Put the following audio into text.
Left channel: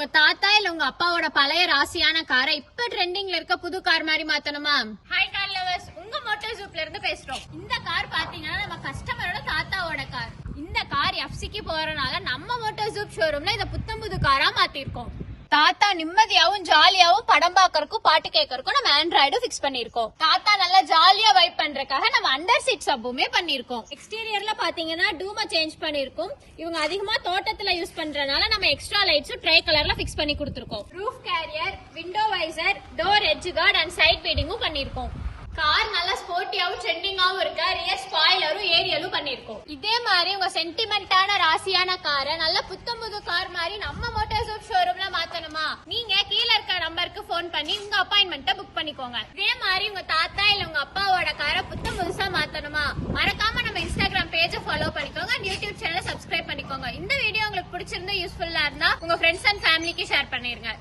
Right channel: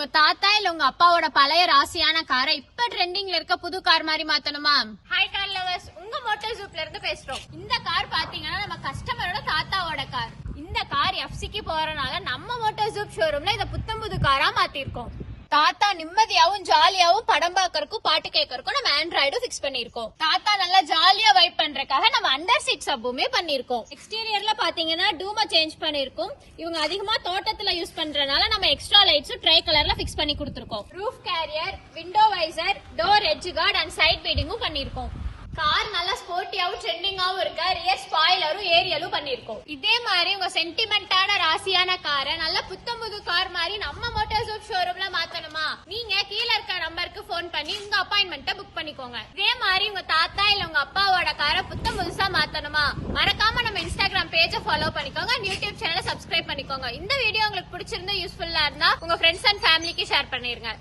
உங்க தாத்தா இல்ல உங்க அப்பாவோட பழைய ராசியான காரை இப்ப ட்ரெண்டிங்ல இருக்க புது கார் மாதிரி மாத்தணுமா? ஹாய் கார் லவர்ஸ், உங்க மோட்டார் ஜூப்ல இருந்து பேசுறோம். இந்த கார் பாத்தீங்கன்னா நம்ம கஸ்டமரோட தாத்தாவோட கார். இந்த கார் எஃப்சிக்கு போறனால நம்ம மோட்டார் ஜூப் ஷோரூம்ல இத புத்தம் புது காரா மாத்திருக்கோம். தாத்தா நிம்மதியாவும் ஜாலியாவும் படம் பாக்கறதுக்கும் பாட்டு கேட்கறதுக்கும் நம்ம ஆண்ட்ராய்டு பிக்ஸ் பண்ணிருக்கோம். தாத்தா நல்லா ஜாலியா வைப் பண்றதுக்காக நம்ம அண்டர் சீட் சப்புமே பண்ணிருக்கோம். எக்ஸ்டீரியர்ல பாத்தீங்கன்னா டூமை சேஞ்ச் பண்ணிருக்கோம். இவங்க அதிகமா தோட்டத்துல யூஸ் பண்றதுனால நம்ம எக்ஸ்ட்ரா லைட்ஸும் ட்ரை கலர்ல பிக்ஸ் பண்ணி கொடுத்துருக்கோம். Roof carrier, window visor, door edge guard and side பீடிங்கும் பண்ணிருக்கோம். கார் நல்லா ஸ்போர்ட்டியாவும் ட்ரெண்டிங்காவும் இருக்க ரியர் ஸ்பாயிலரும் ஏரியலும் பண்ணிருக்கோம். இதே மாதிரி உங்க சென்டிமெண்டான ராசியான காரை நல்ல புத்தம் புது கார் மாதிரி நம்ம மோட்டார் ஜூப் ஷோரூம்ல மாத்தணுமா? நீங்க கீழே இருக்க நம்பருக்கு போன் பண்ணி உங்க அப்பாயின்மெண்ட்டை புக் பண்ணிக்கோங்க. இதே மாதிரி உங்க தாத்தா இல்ல உங்க அப்பாவோட காரை புத்தம் புதுசா மாத்தணுமா? மறக்காம நம்ம இன்ஸ்டாகிராம் பேஜை ஃபாலோ பண்ணிக்கோங்க, யூடியூப் சேனலை சப்ஸ்கிரைப் பண்ணிக்கோங்க. இந்த வீடியோ உங்களுக்கு பிடிச்சிருந்தா யூஸ்ஃபுல்லா இருந்தா உங்க ஃப்ரெண்ட்ஸ் அண்ட் ஃபேமிலிக்கு ஷேர் பண்ணிருங்க.